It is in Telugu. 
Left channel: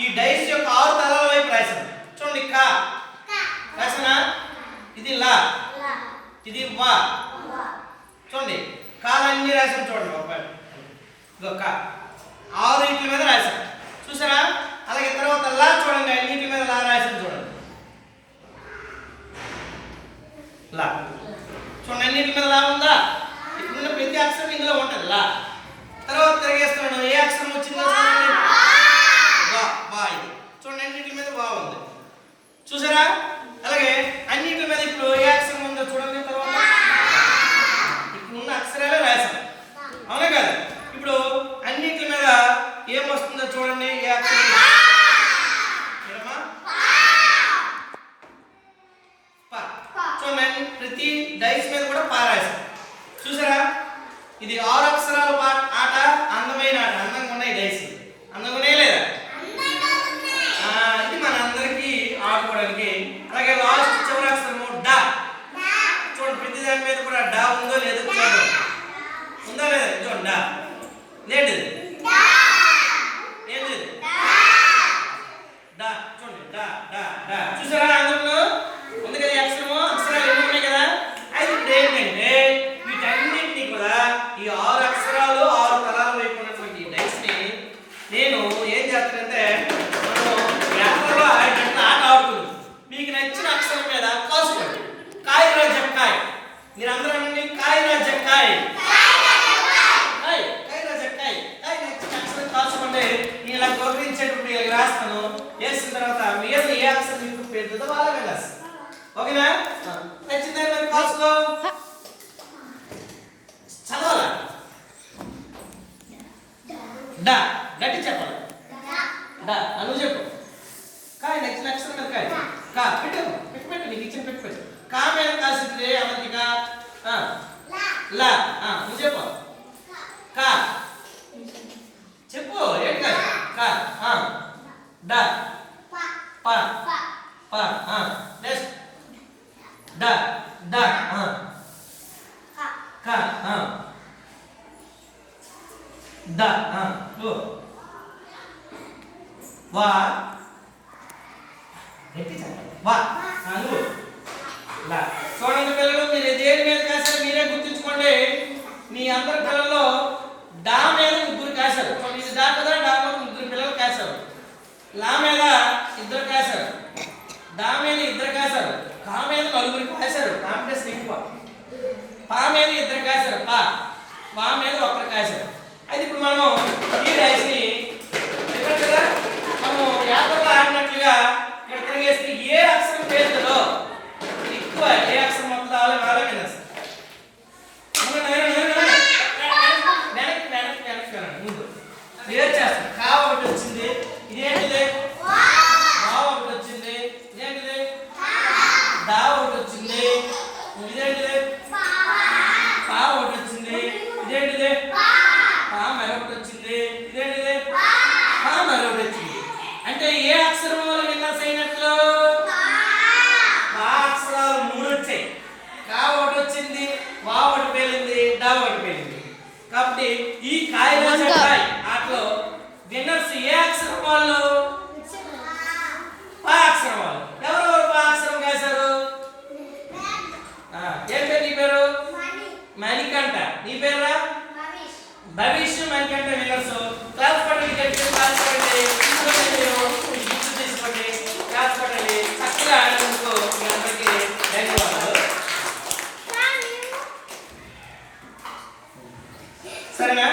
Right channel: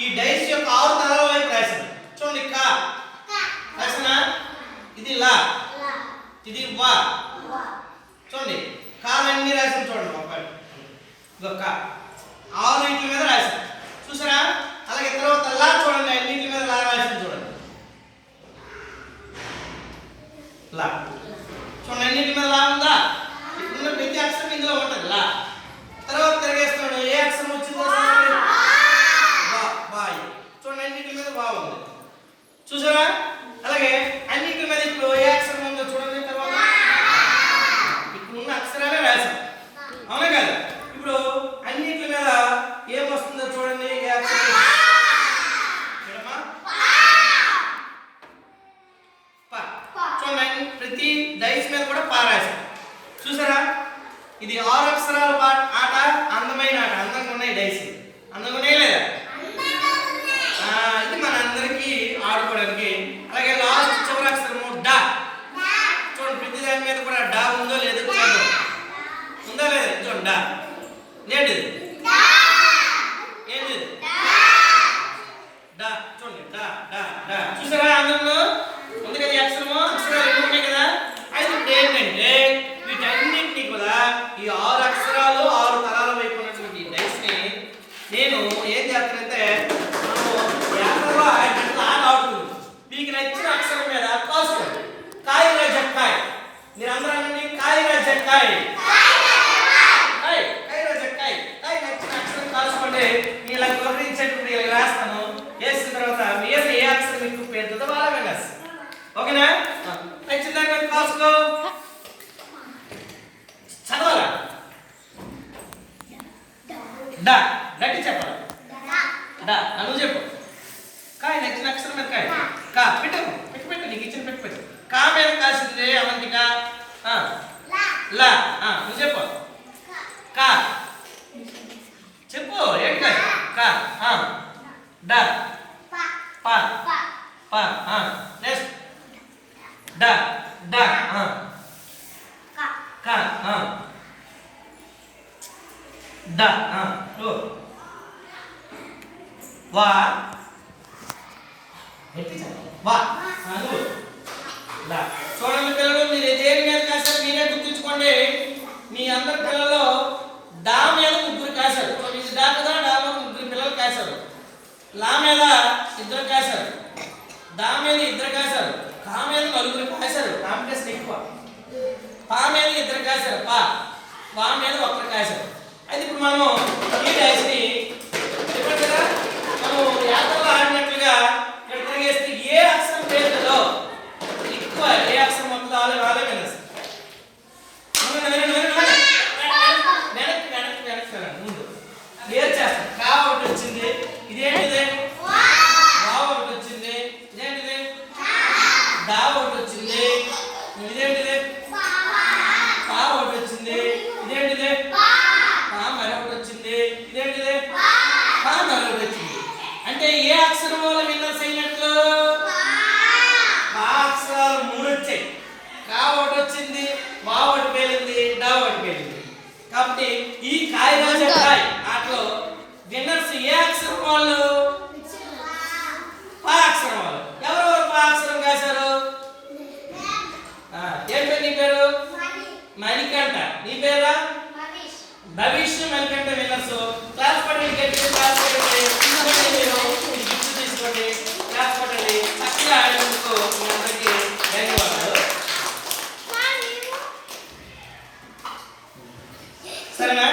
ఈ డైస్ యొక్క ఆరు తలాల వైపు రాశాను చూడండి కా. రాసిన? ఇది లా. ఇది వా. చూడండి కాలన్నీ రాశాను చూడండి ఒక ఇదిగో కా. ఆరు ఇట్ల మీద రాశాను చూసారా? అలాగే తర్వాత లా చూడండి అన్నిటి మీద లా రాశాను చూడండి. లా. చూడండి అన్నింటి మీద లా ఉందా? ఇక్కడ ఉన్న ప్రతి అక్షరం ఇందులో ఉంటుంది లా. తర్వాత తిరిగేస్తున్నాడు. ఏ అక్షరం వచ్చిందో చూడండి వా వా ఇది. చూడండి అన్నిటి మీద వా ఉంది చూసారా? అలాగే అన్నిటి మీద ఇప్పుడు ఏ అక్షరం ఉందో చూడండి తర్వాత. ఇప్పుడు ఉన్న అక్షరాలే రాశాం అవునా కదా? ఇప్పుడు అన్నిటి మీద ఏం వస్తుందో చూడండి ఏ అక్షరం చూడండి ప్రతి డైస్ మీద కూడా పా చూసారా? ఇది ఆరు అక్షరాల పా ఆట అందమైన ఆట. అందంగా ఉన్నాయి డైస్. అందంగా ఉన్నాయి లేదా ఆ, ఇది మన అందరికీ ఆడుకోవడానికి అలాగే లాస్ట్ చివరి అక్షరము డా చూడండి ప్రతి దాని మీద కూడా డా ఉందో లేదో చూడండి ఉందా లేదా ఇది చూడండి డా ఏంటిది? ఏంటిది? డా. చూడండి డా డా డా. చూసారా అందరూ ఉంది కదా అక్షరము అక్షరాలు ఎన్ని ఉన్నాయి కదా? అయితే ఇప్పుడు ఏంటంటే వీటన్నింటినీ కూడా ఈ ఆరు అక్షరాలు ఆరు తలాల వైపు ఉన్నటువంటి డైస్ని నేను ఏం చేస్తానంటే మనము వ్యాపారంలో ఆడినట్టు ఆట ఆడుతుంది మీకు నచ్చిన అక్షరం మీద కాసుకోండి. కాయ. రాజక్కాయ్ మీరు అందరూ అనండి కాయ. రాజక్కాయ్ కాయ్ కాయ రాజక్కాయ్ కాయ నచ్చిన అక్షరం కాసుకోండి నేను ఇలా గౌరవించేటువంటి ఇలా రాస్తాను. వేసిన తర్వాత మీరు ఏ అక్షరం మీకు పెద్దదో వాళ్ళ రాస్తాను ఓకేనా? దాని మీద కాసుకో చదవాలా? డా. గట్టి చెప్పాలి. డా. అను చెప్పు కాయ నచ్చిన అక్షరం మీద కాయ కా పెట్టు పెట్టు పెట్టు నీకు ఇచ్చిన పెట్టు పెట్టు కా మీద కాసింది అవంతిక ఆ, లా ఆ, నువ్వు చెప్పు కా చెప్పు ఏంటి కాయ కా ఆ, డా పా పా నెక్స్ట్ డా డా కా డా వా. వా నువ్వు లా చూడండి పిల్లలు మీరు దేని మీద కాశారు మీరే గుర్తుంచుకోండి. మీ అందరి పిల్లల్లో డా మీద ముగ్గురు కాశారు చూడండి, ఇది డా కదా డా మీద ముగ్గురు పిల్లలు కాశారు లా మీద ఇద్దరు కాశారు దా మీద ఇద్దరు కాశారు కా మీద నలుగురు కాశారు కాంపిటీషన్ ఎక్కువ పా మీద ఇద్దరు కాశారు పా. వా మీద ఒక్కరు కాశారు అయితే ఇప్పుడు మనం ఈ డాష్ని చెప్పారు కదా మనం యాత్రలో ఆడినట్లుగా ఇక్కడ తిరిగేస్తే ఏ అక్షరం పేరు కదా ఎక్కువ ఏ అక్షరం వస్తుందో వాళ్ళే వాళ్ళే వెనక్కి వెనక్కి వెనక్కి వెళ్ళండి. ముందు. క్లియర్ చేస్తాం కా ఒకటి వచ్చింది ఇదేంటిది వా ఒకటి వచ్చింది ఇదేంటిది దా ఒకటి వచ్చింది ఇదేంటిది పా ఒకటి వచ్చింది ఇదేంటిది పా మరొకటి వచ్చింది ఇదేంటిది మరొకటి వచ్చింది. అంటే ఏ అక్షరం వల్ల విన్నర్స్ అయినట్లు? పా అక్షరాలు మూడు వచ్చాయి. కా ఒకటి వచ్చింది వా ఒకటి పేలింది డా ఒకటి పేలింది. కాబట్టి ఈ కాయ రోజు కాయ ఆటలో విన్నర్స్ ఏ అక్షరం వాళ్ళు? పా అక్షరం వాళ్ళు. ఎవరెవరు పా అక్షరం కాశారు ఆ, ఏం పేరు నీ పేరు? మణికంఠ. నీ పేరా? భవిష్యం వెంకట విన్నర్స్ క్లాస్ పట్టండి క్లాస్ పట్టండి మీరు గుర్తు తీసుకోండి క్లాస్ పట్టండి చక్కగా ఆడినందుకు మీ అందరికీ ధన్యవాదాలు. సరేనా?